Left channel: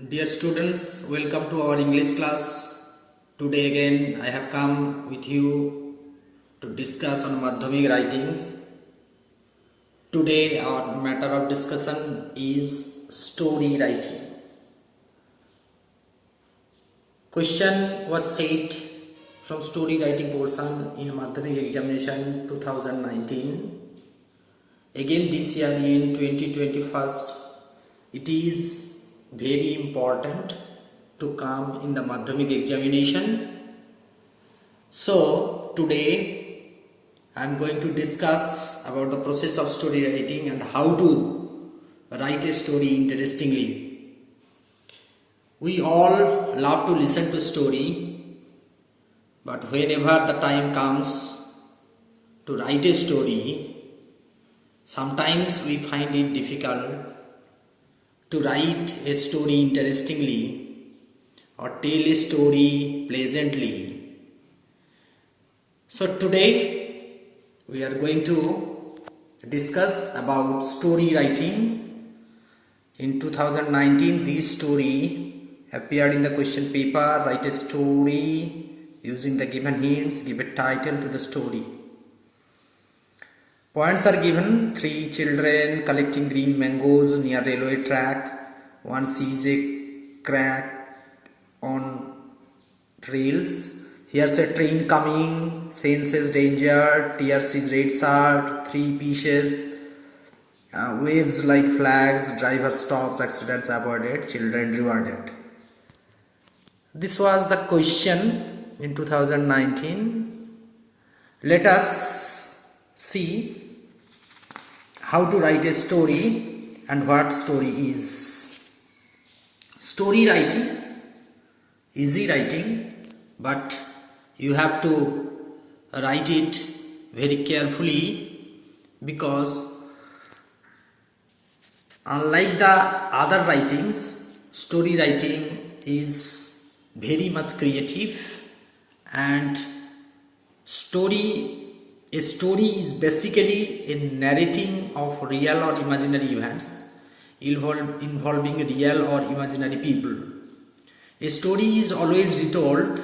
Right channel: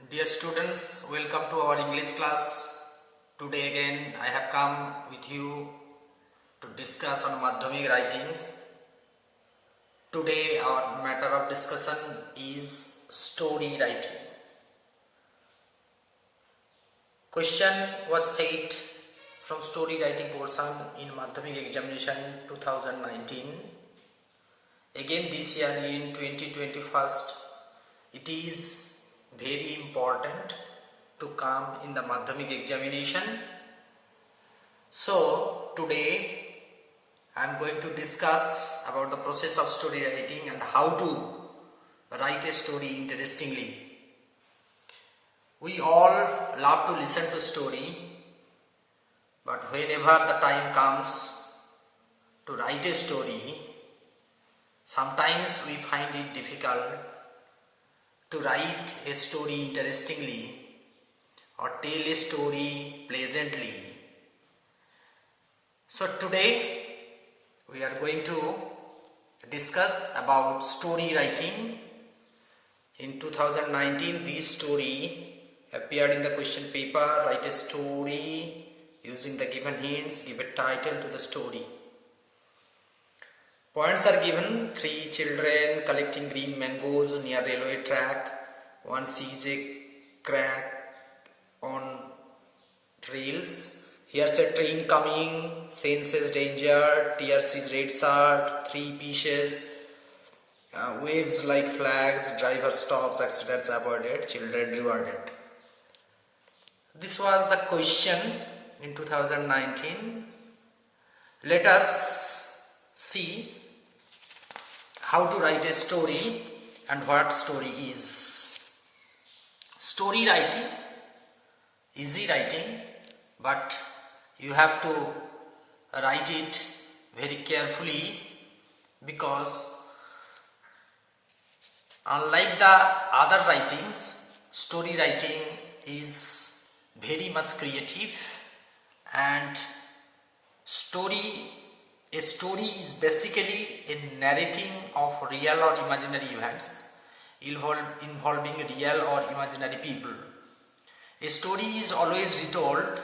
Dear students, welcome to our English class. Today again I have come with you to discuss on Madhyamik writings. Today our matter of discussion is story writing. Question was said from story writing portion in Madhyamik examination 2019. Again this year in 2021, it is very important to come in the Madhyamik examination. So today I am going to discuss about the process of story writing and how to write a story interestingly. We all love to listen to story, but whenever the time comes to write a story, sometimes we find it difficult to write a story interestingly or tell a story pleasantly. So today we are going to discuss about story writing. In 2019 this story appeared in the question paper. Write a story using the given hints, give a title to the story. Points are given: 3 children collecting green mangoes near railway track. One sees a crack on rails. Here's a train coming. Senses danger. Tears his red shirt. 3 pieces. Waves like flags. Driver stops. Accidents avoided. Children rewarded. This was the question in 2019. Let us see how to write a story and what story is. Story writing, easy writing, but you have to write it very carefully, because unlike the other writings, story writing is very much creative, and a story is basically a narrating of real or imaginary events involving real or imaginary people. A story is always retold.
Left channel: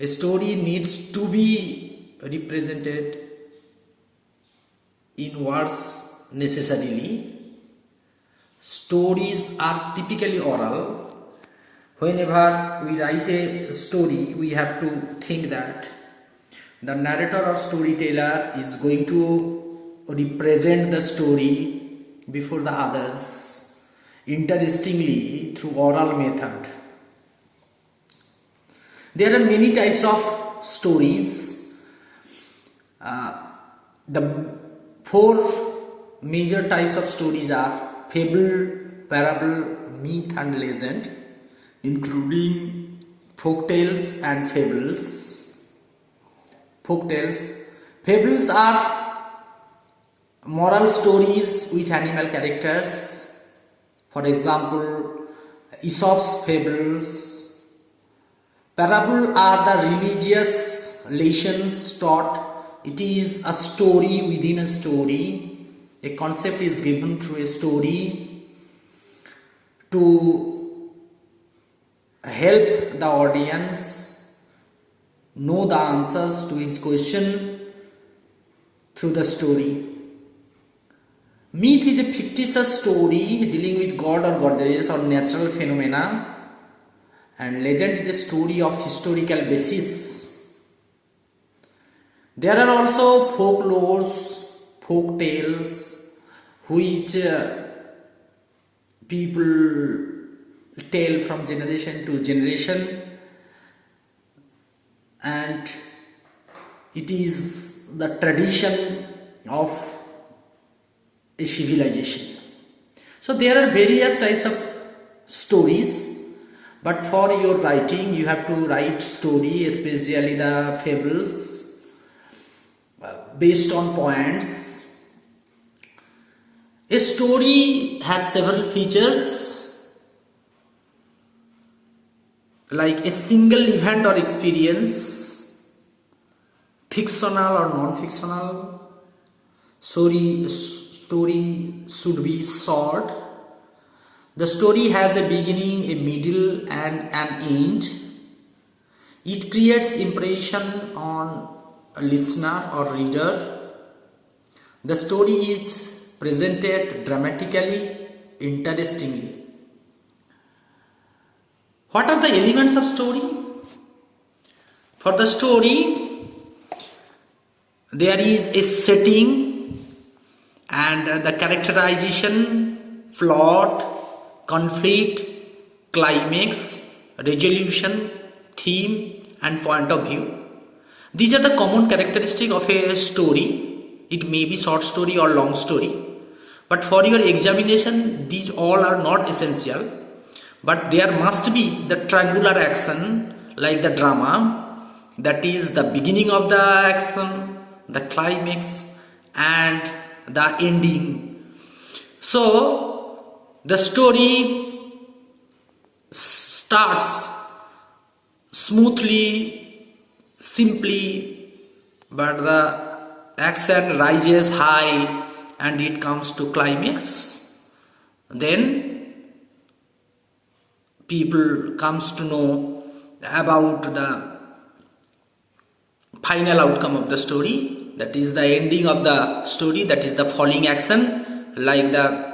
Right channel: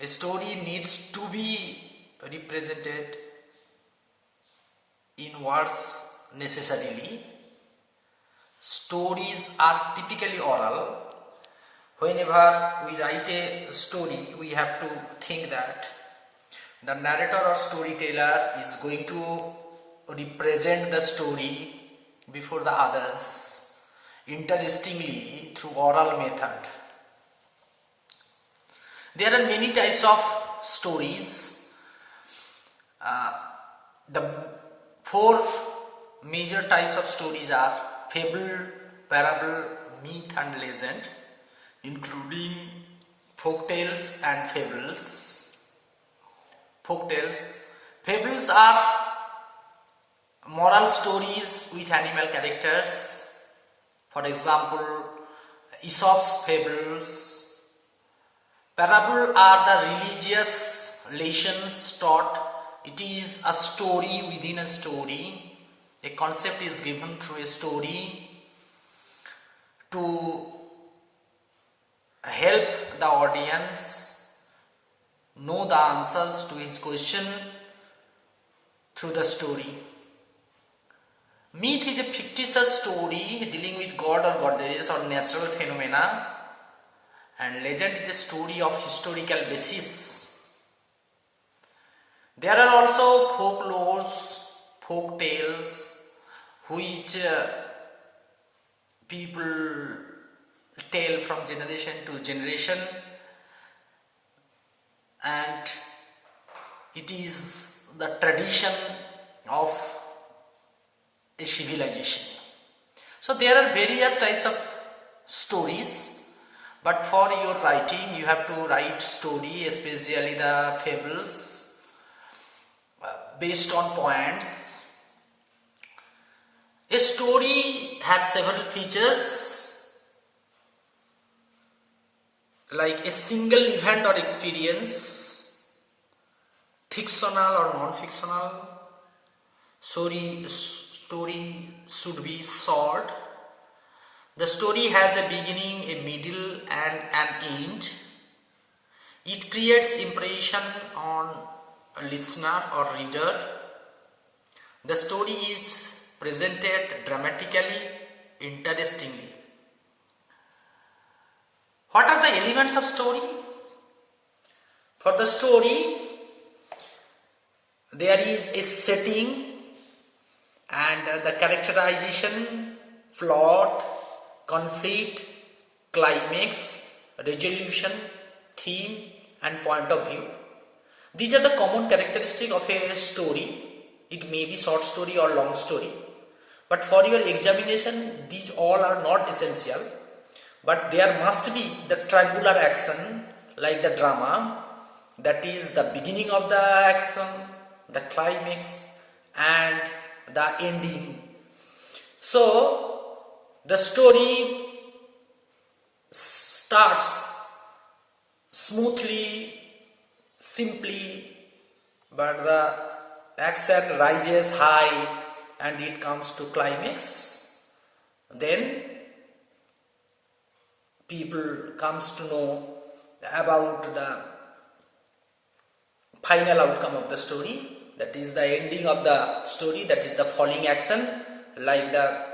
A story needs to be represented in words necessarily. Stories are typically oral. Whenever we write a story, we have to think that the narrator or storyteller is going to represent the story before the others interestingly through oral method. There are many types of stories. The 4 major types of stories are fable, parable, myth and legend, including folk tales and fables. Folktales. Fables are moral stories with animal characters. For example, Aesop's fables. Parable are the religious lessons taught. It is a story within a story. A concept is given through a story to help the audience know the answers to his question through the story. Myth is a fictitious story dealing with god or goddess or natural phenomena, and legend is a story of historical basis. There are also folklores, folk tales, which people tell from generation to generation, and it is the tradition of a civilization. So there are various types of stories, but for your writing you have to write story, especially the fables, based on points. A story has several features, like a single event or experience, fictional or non-fictional. Story should be short. The story has a beginning, a middle and an end. It creates impression on a listener or reader. The story is presented dramatically, interestingly. What are the elements of story? For the story, there is a setting and the characterization, plot, conflict, climax, resolution, theme and point of view. These are the common characteristics of a story. It may be short story or long story. But for your examination, these all are not essential. But there must be the triangular action like the drama, that is the beginning of the action, the climax and the ending. So the story starts smoothly, simply, but the action rises high and it comes to climax. Then people comes to know about the final outcome of the story, that is the ending of the story, that is the falling action like the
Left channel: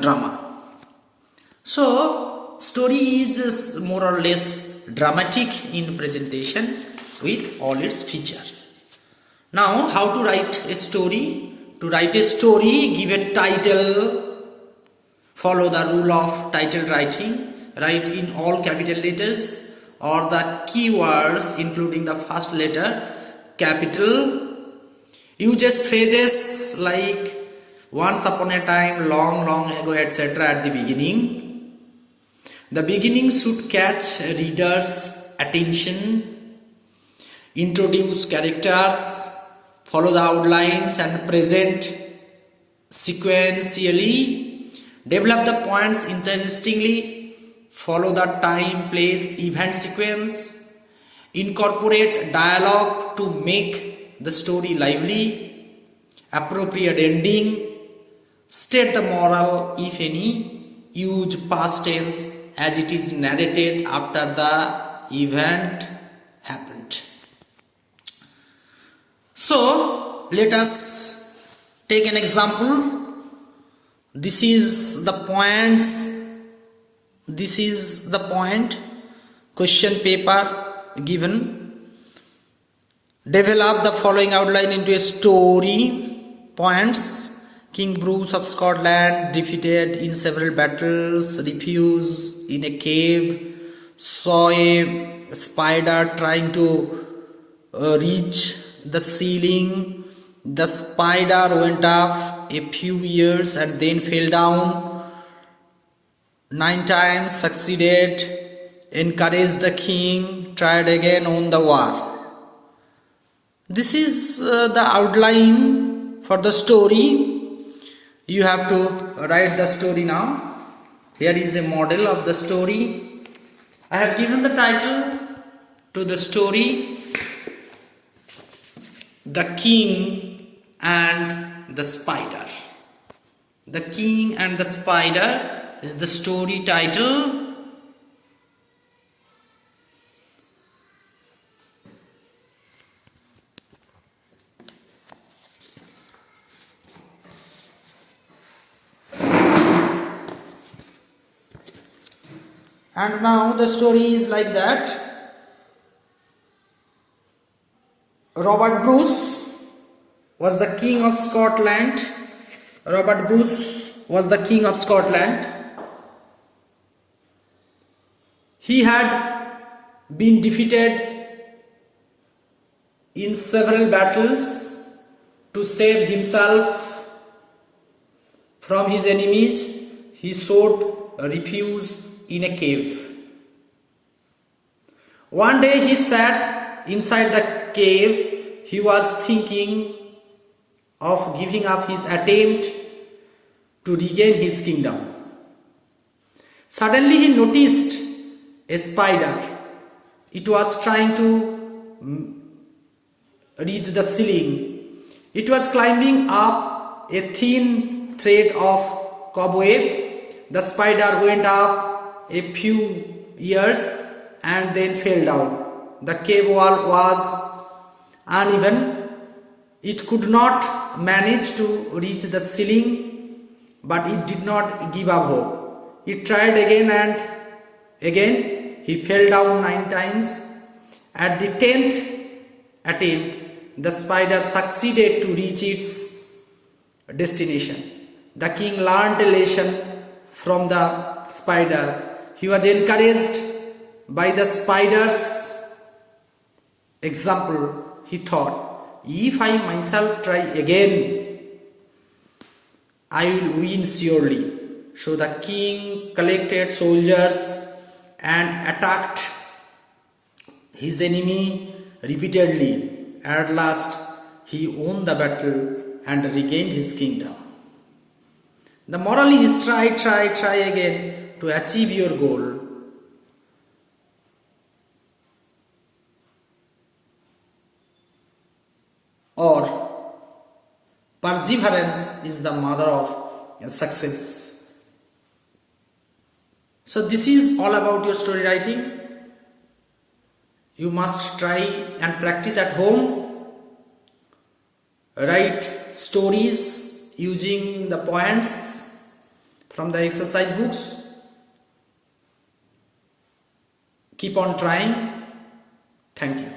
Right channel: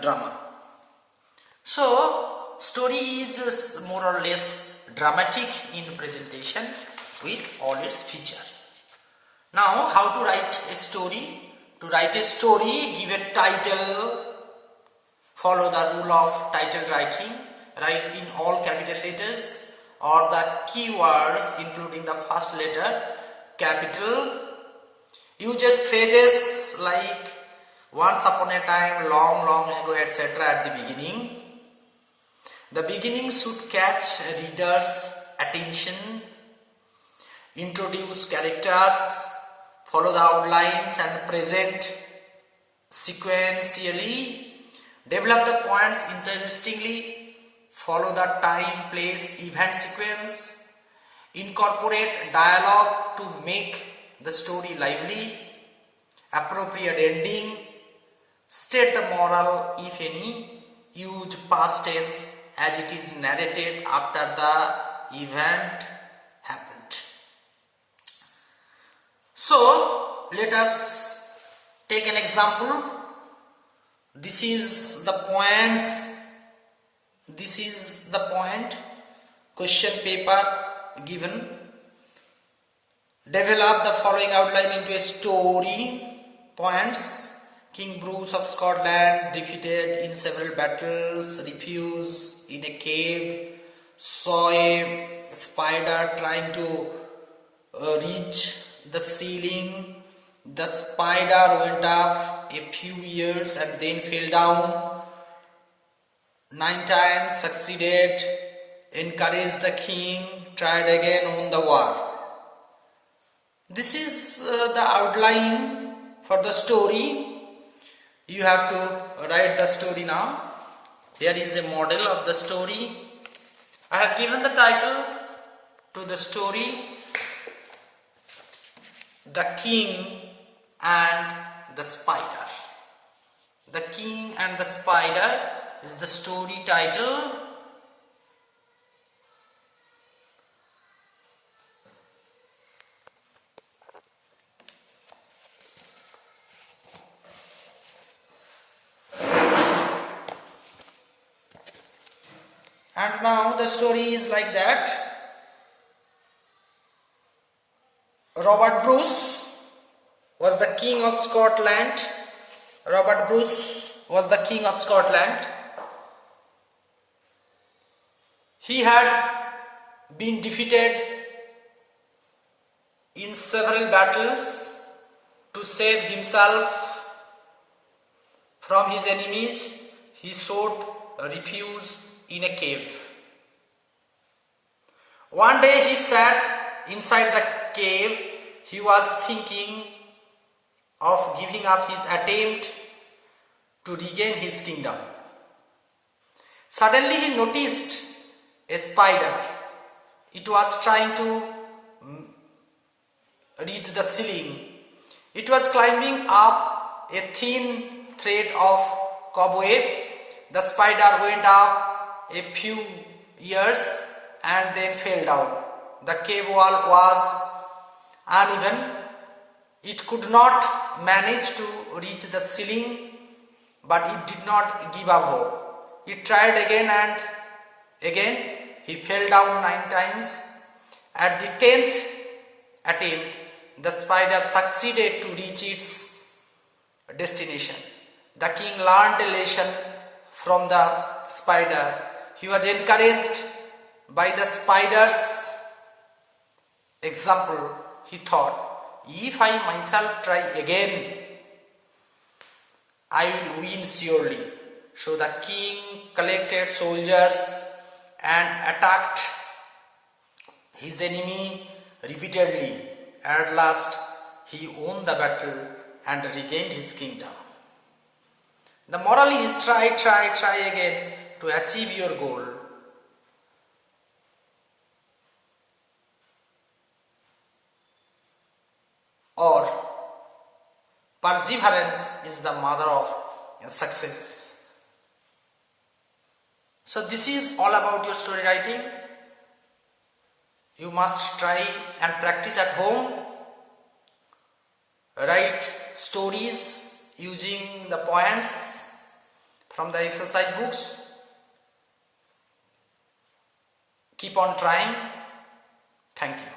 drama. So story is more or less dramatic in presentation with all its features. Now how to write a story? To write a story, give a title, follow the rule of title writing, write in all capital letters or the keywords including the first letter capital. Uses phrases like once upon a time, long ago, etc. at the beginning. The beginning should catch readers' attention. Introduce characters, follow the outlines and present sequentially. Develop the points interestingly. Follow the time, place, event sequence. Incorporate dialogue to make the story lively. Appropriate ending. State the moral, if any. Use past tense as it is narrated after the event happened. So let us take an example. This is the points. This is the point. Question paper given. Develop the following outline into a story. Points. King Bruce of Scotland defeated in several battles, refused in a cave, saw a spider trying to reach the ceiling. The spider went up a few years and then fell down. 9 times succeeded, encouraged the king, tried again on the war. This is the outline for the story. You have to write the story now. Here is a model of the story. I have given the title to the story, The King and the Spider. The King and the Spider is the story title. And now the story is like that. Robert Bruce was the king of Scotland. Robert Bruce was the king of Scotland. He had been defeated in several battles. To save himself from his enemies, he sought refuge in a cave. One day he sat inside the cave. He was thinking of giving up his attempt to regain his kingdom. Suddenly he noticed a spider. It was trying to reach the ceiling. It was climbing up a thin thread of cobweb the spider went up a few years and then fell down. The cave wall was uneven. It could not manage to reach the ceiling, but it did not give up hope. It tried again and again. He fell down 9 times. At the 10th attempt, the spider succeeded to reach its destination. The king learned a lesson from the spider. He was encouraged by the spider's example. He thought, if I myself try again, I will win surely. So the king collected soldiers and attacked his enemy repeatedly. At last, he won the battle and regained his kingdom. The moral is try again to achieve your goal. Or perseverance is the mother of success. So this is all about your story writing. You must try and practice at home. Write stories using the points from the exercise books. Keep on trying. Thank you.